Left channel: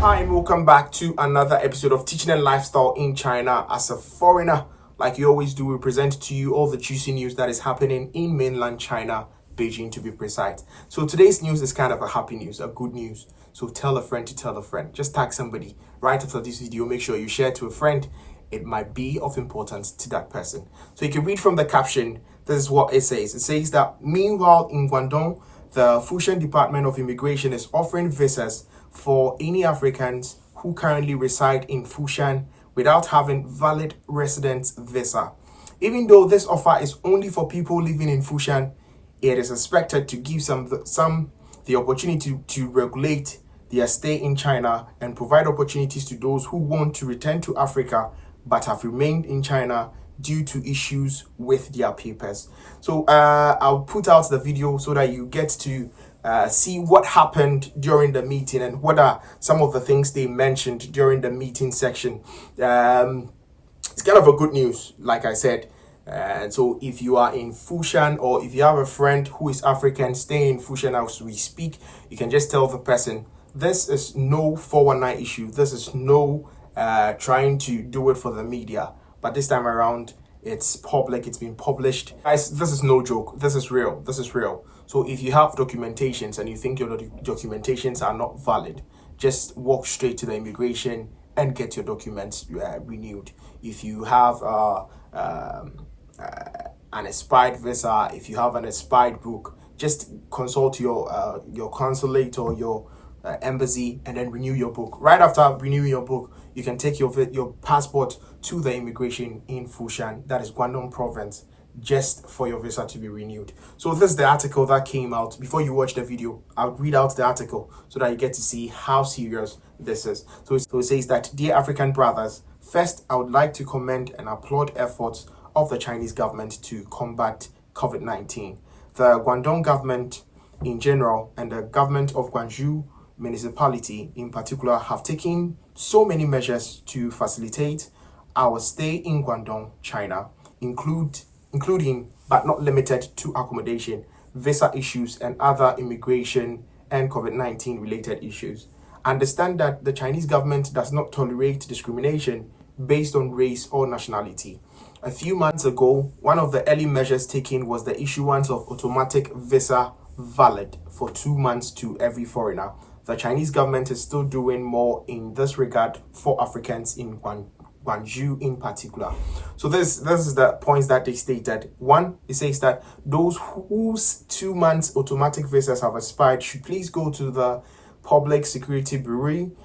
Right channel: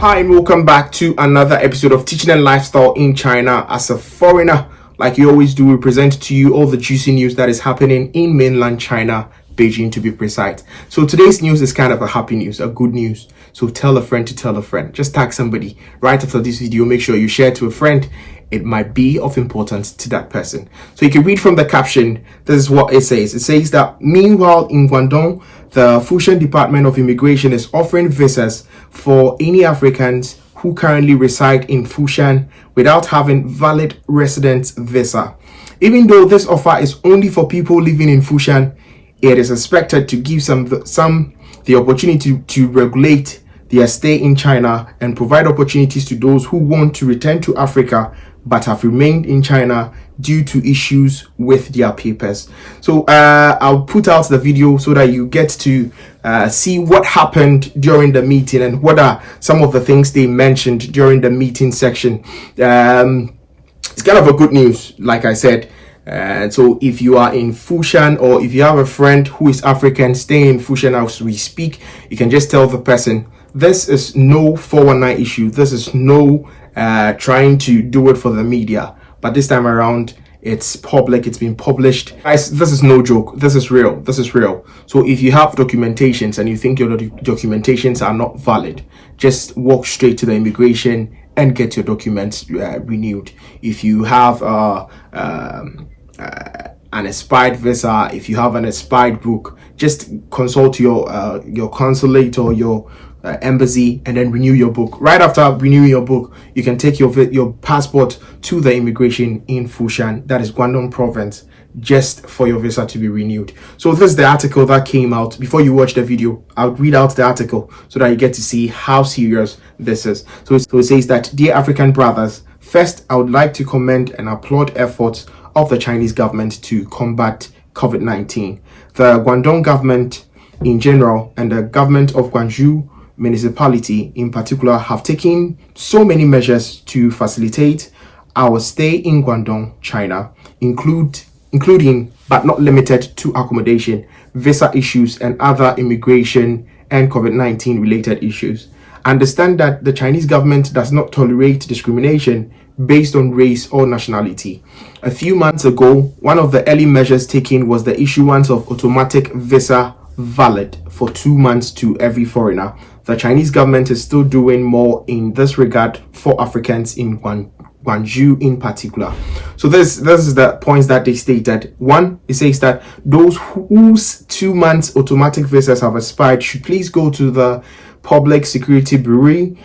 Hi and welcome back to another episode of Teaching and Lifestyle in China. As a foreigner, like you always do, we present to you all the juicy news that is happening in mainland China, Beijing to be precise. So today's news is kind of a happy news, a good news. So tell a friend to tell a friend. Just tag somebody right after this video. Make sure you share it to a friend. It might be of importance to that person. So you can read from the caption. This is what it says. It says that meanwhile in Guangdong, the Foshan Department of Immigration is offering visas for any Africans who currently reside in Foshan without having valid residence visa. Even though this offer is only for people living in Foshan, it is expected to give some the opportunity to regulate their stay in China and provide opportunities to those who want to return to Africa but have remained in China due to issues with their papers. So I'll put out the video so that you get to see what happened during the meeting and what are some of the things they mentioned during the meeting section. It's kind of a good news, like I said. So if you are in Foshan or if you have a friend who is African staying in Foshan as we speak, you can just tell the person, this is no 419 issue. This is no trying to do it for the media. But this time around, it's public, it's been published. Guys, this is no joke. This is real. This is real. So if you have documentations and you think your documentations are not valid, just walk straight to the immigration and get your documents renewed. If you have an expired visa, if you have an expired book, just consult your consulate or your embassy and then renew your book. Right after renewing your book, you can take your passport to the immigration in Foshan, that is Guangdong province, just for your visa to be renewed. So this is the article that came out. Before you watch the video, I'll read out the article so that you get to see how serious this is. So it says that, dear African brothers, first I would like to commend and applaud efforts of the Chinese government to combat COVID-19. The Guangdong government in general and the government of Guangzhou municipality in particular have taken so many measures to facilitate our stay in Guangdong, China, including but not limited to accommodation, visa issues, and other immigration and COVID-19 related issues. Understand that the Chinese government does not tolerate discrimination based on race or nationality. A few months ago, one of the early measures taken was the issuance of automatic visa valid for 2 months to every foreigner. The Chinese government is still doing more in this regard for Africans in Guangzhou in particular. So this is the points that they stated. One, it says that those whose 2 months automatic visas have expired should please go to the Public Security Bureau,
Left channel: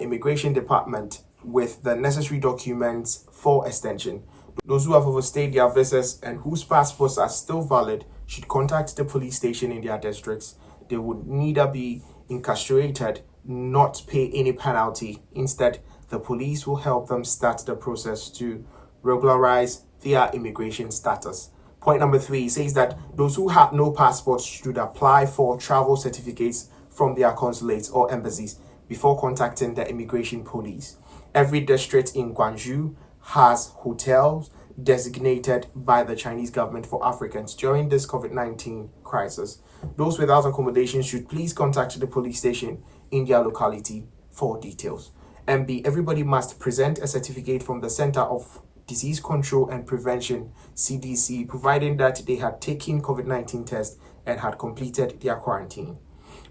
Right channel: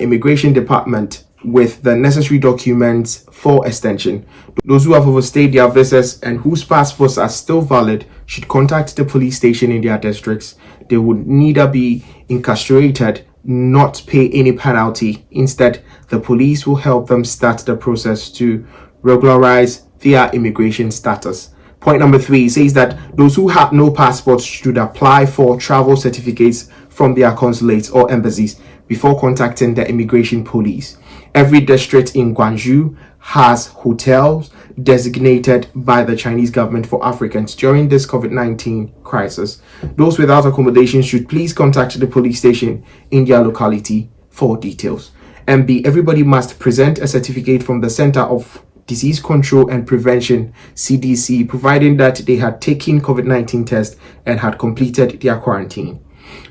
Immigration Department with the necessary documents for extension. Those who have overstayed their visas and whose passports are still valid should contact the police station in their districts. They would neither be incarcerated, not pay any penalty. Instead, the police will help them start the process to regularize their immigration status. Point number 3 says that those who have no passports should apply for travel certificates from their consulates or embassies before contacting the immigration police. Every district in Guangzhou has hotels designated by the Chinese government for Africans during this COVID-19 crisis. Those without accommodation should please contact the police station in their locality for details. And B, everybody must present a certificate from the Center of Disease Control and Prevention, CDC, providing that they had taken COVID-19 test and had completed their quarantine.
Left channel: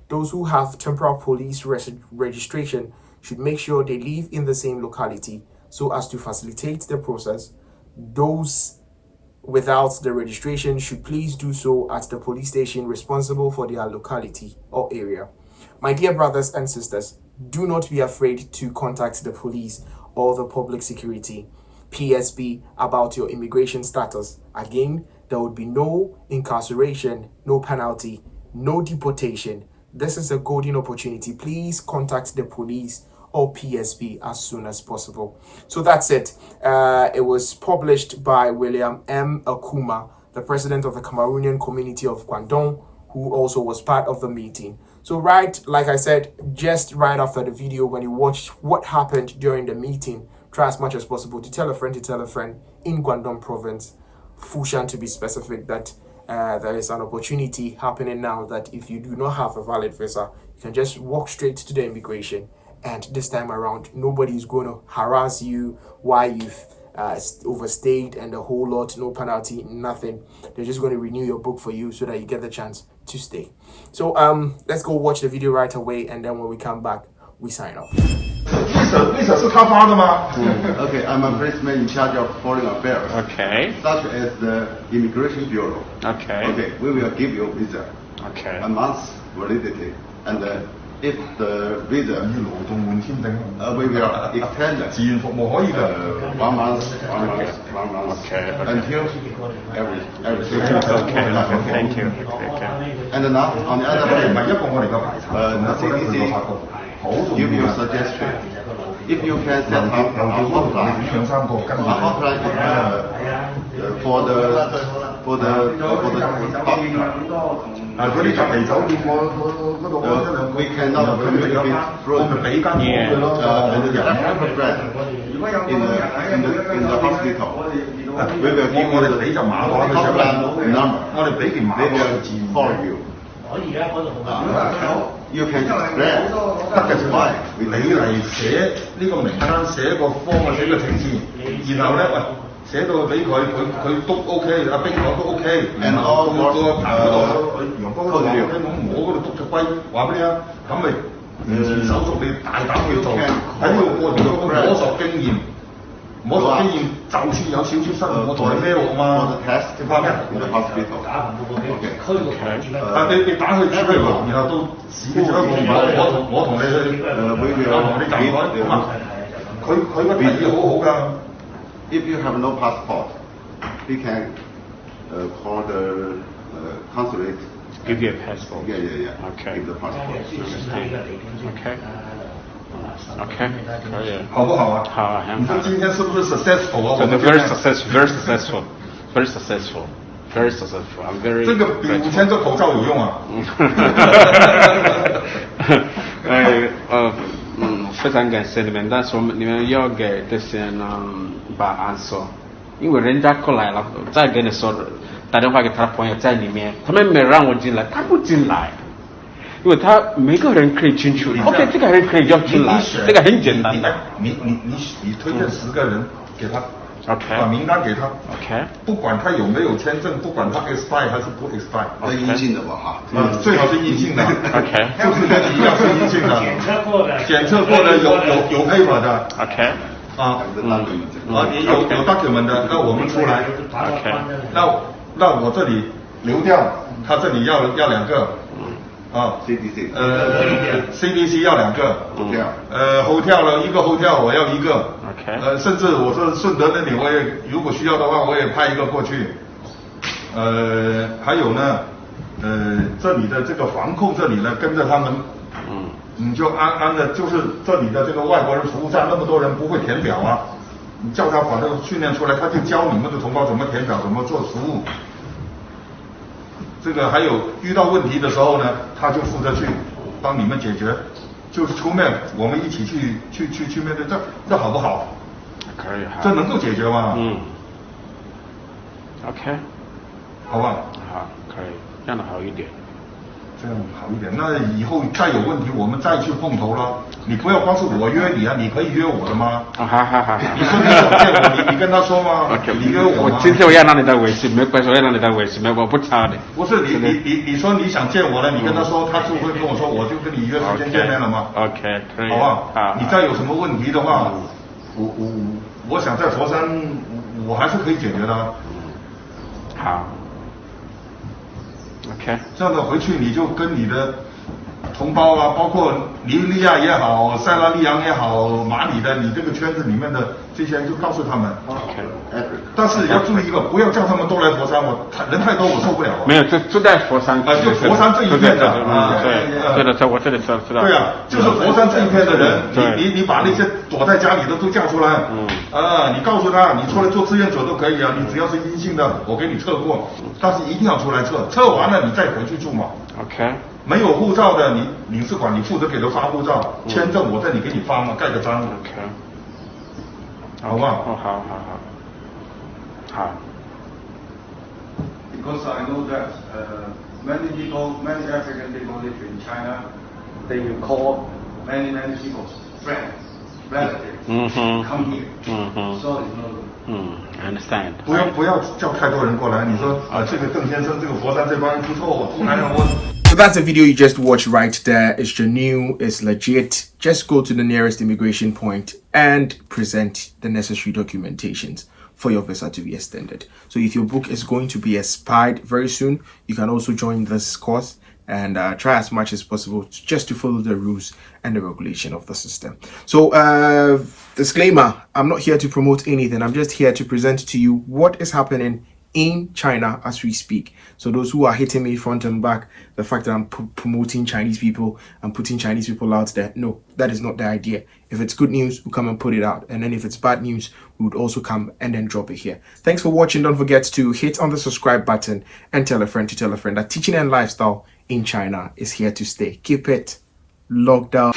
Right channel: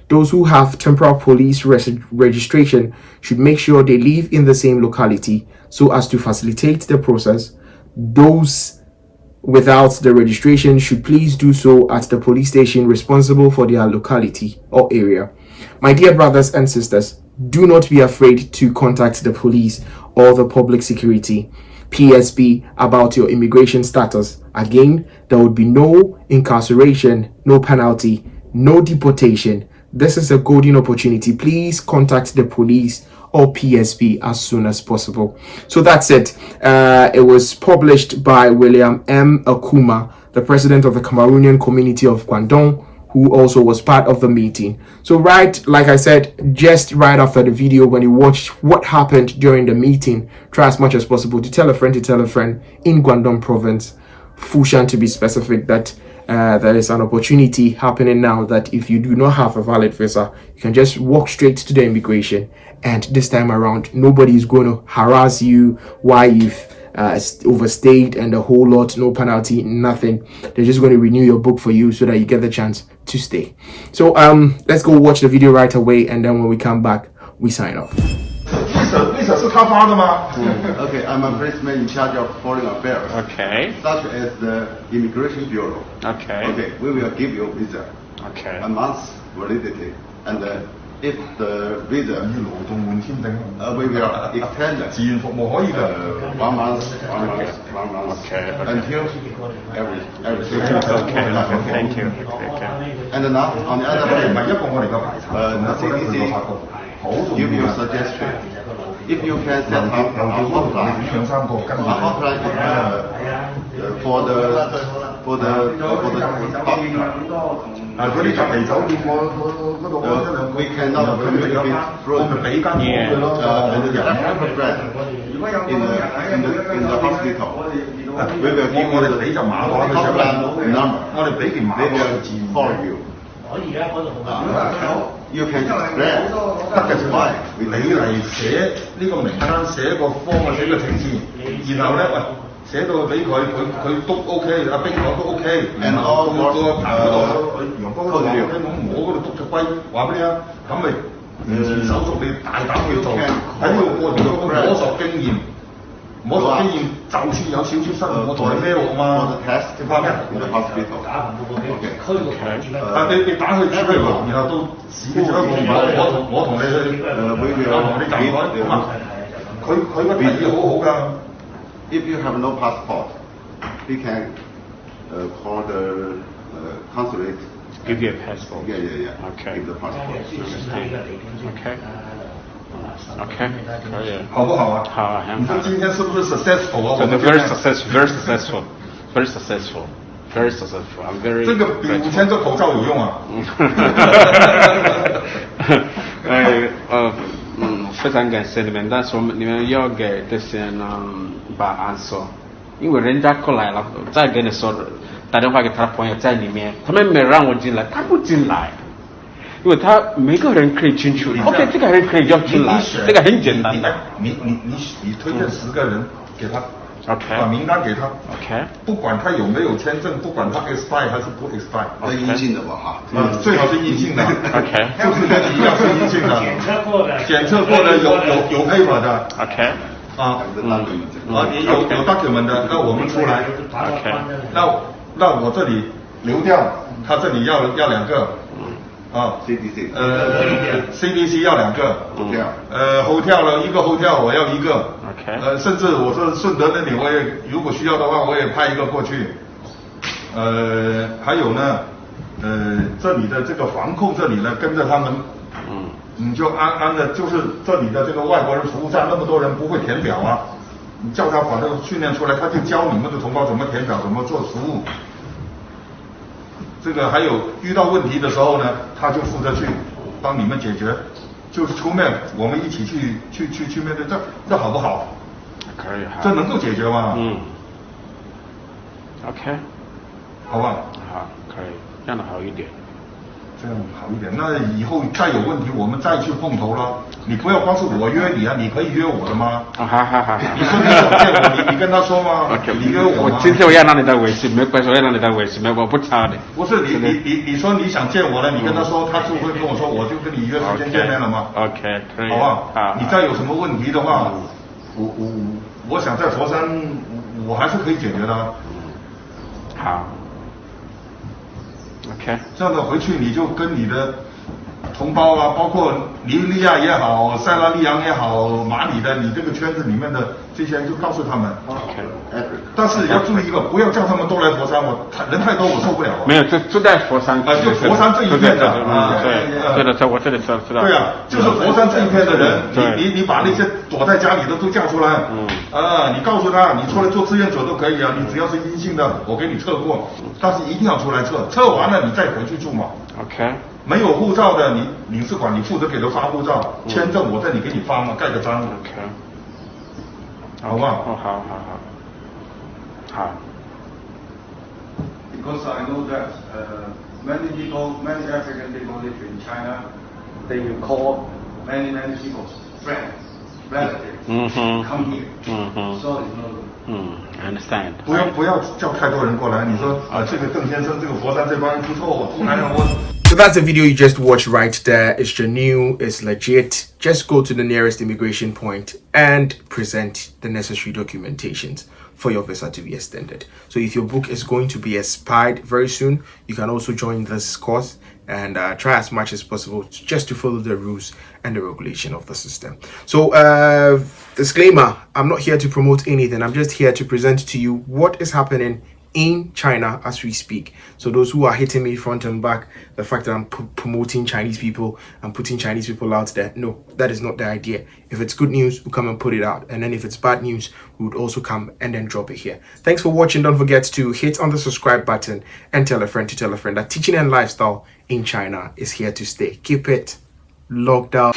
Those who have temporal police registration should make sure they live in the same locality so as to facilitate the process. Those without the registration should please do so at the police station responsible for their locality or area. My dear brothers and sisters, do not be afraid to contact the police or the public security, PSB, about your immigration status. Again, there would be no incarceration, no penalty, no deportation. This is a golden opportunity. Please contact the police or PSB as soon as possible. So that's it. It was published by William M. Akuma, the president of the Cameroonian community of Guangdong, who also was part of the meeting. So like I said, just right after the video, when you watch what happened during the meeting, try as much as possible to tell a friend in Guangdong province, Foshan to be specific, that there is an opportunity happening now that if you do not have a valid visa, you can just walk straight to the immigration and this time around, nobody is going to harass you why you've overstayed and a whole lot, no penalty, nothing. They're just going to renew your book for you so that you get the chance to stay. So let's go watch the video right away, and then when we come back, we sign off. Okay, I'm a policeman in charge of foreign affairs. Okay. Such as the Immigration Bureau. Okay. Okay, we will give you a visa. Okay. A month's validity. And if the visa, we will extend 1 month. Okay. Until everything. Okay. Thank you. Okay. And now, on the other hand, the CDC give you a suggestion. If you can set up a hotline for the we cannot communicate through and the bread in the hospital. We will give you the hotline number. They will call you. You can express. That's why we do it. 寫呢個名單，寫個方啊，寫個程序，然後咧寫到俾佢都 OK， 阿冰講都 OK， 然後到個棚嗰度，陽光嗰度話聽講我嗰度篤隻龜，話俾你啊，咁咪完全手續你大膽去做，喺呢個過程中摸索經驗。摸索經驗，就算有少少失誤，我同你孭落嘛。你怕咩？但你打去出去，然後到市嘅最後一步，我同你去，我同你站台咁啊。佢個提議好好㗎。If you have no passport, we can call the consulate. Give you a passport. Yeah. Okay. Give the passport. Okay. OK， 可以，好不好啊？好啊，很好。你说今天是不是 successful 啊？真的 very successful。I'm very。这个比5000个口罩有用啊。非常感谢你们，但是你们要给这些人把安说，因为人家过来了，再跟你说，打电话给他朋友在里面，他们没让我进来，他不进来。因为他每个人可以进去 ，OK， 这个人可以要进来，这个很简单的。你推荐10个人给他 ，OK， 把名单给他 ，OK， 不管他有没有签证，不管他 expire 还是不 expire， 阴性的吧哈，最好是阴性的 ，OK， 就是跟你一样是阴性的，检测过的有 paper 的 ，OK， 你有 document 的，那我们出来 ，OK， 那我这里流调，他这里要2个。CDC 要2个 hotel 了1个 hotel 我要1个 OK 甚至我说顺德那里我也如果需要的话我也派1个过去还有呢这里的这个防控这里呢跟着他们你就安的就是这里的这个外国人服务站那么多人不会填表啊你叫他把这个训练出来他就教你们的同胞怎么填表怎么做服务这个还有遇到问题的时候呢，他就负责去帮你们解决，就是出面我们一起去面对，这好不好？可以，这能够解决吗？OK， 好吧？好，可以，这样的好一点。这样好一点，那以后再有问题我们再去碰头了。你不要光是我约你啊，你可以约我的吗？好。你说你想见我，你跟他说吗？你约我吗？我今天我要让你在微信，没关系，我要让你在微信，我不差的。不是你说你想见我了，你跟他说，他就会跟我说，我就跟你约时间见面了吗 ？OK， 可以。好不好？你再有什么问题的话，我想在佛山，我还是可以解决的。好。OK， 这样的回去你就跟你的同胞啊，包括尼日利亚也好，塞拉利昂也好，马里的，你这个圈子里面的这些人就告诉他们。OK， 但是要注意一个，不要叫他们都来佛山，人太多我受不了。没有，就在佛山。就佛山这一片的。对的，在我这里知道。对啊，就是佛山这一片的人，你把那些躲在家里的都叫出来。你告诉他，你出来做志愿者都可以啊，你只要是阴性的，我给你测过，但是一定要出来测，测完了你再回去住嘛。OK。没有护照的，你领事馆你负责给他发护照，签证我这里给你发嘛，盖个章。OK。好不好？好。Because I know that many African people live in China, they will call many people friends, relatives come here. So it's no good. I understand. 不要叫太多人过来。你说这个邓先生，这个佛山这帮人不错，突然让我。So that's the video you just watched right there. It's genuine, it's legit. Just go to the nearest immigration point and present the necessary documentations for your visa to be extended. So if your book is going to be expired very soon, you can also join this course and try as much as possible just to follow the rules and the regulation of the system. So disclaimer, I'm not here to promote anything. I'm just here to present to you what is happening in China as we speak. So those who are hitting me front and back, the fact that I'm promoting Chinese people and putting Chinese people out there, no, that is not the idea. If it's good news, we'll come and put it out, and then if it's bad news, we would also come and then drop it here. Thanks for watching. Don't forget to hit on the subscribe button and tell a friend to tell a friend that teaching and lifestyle in China is here to stay. Keep it locked up.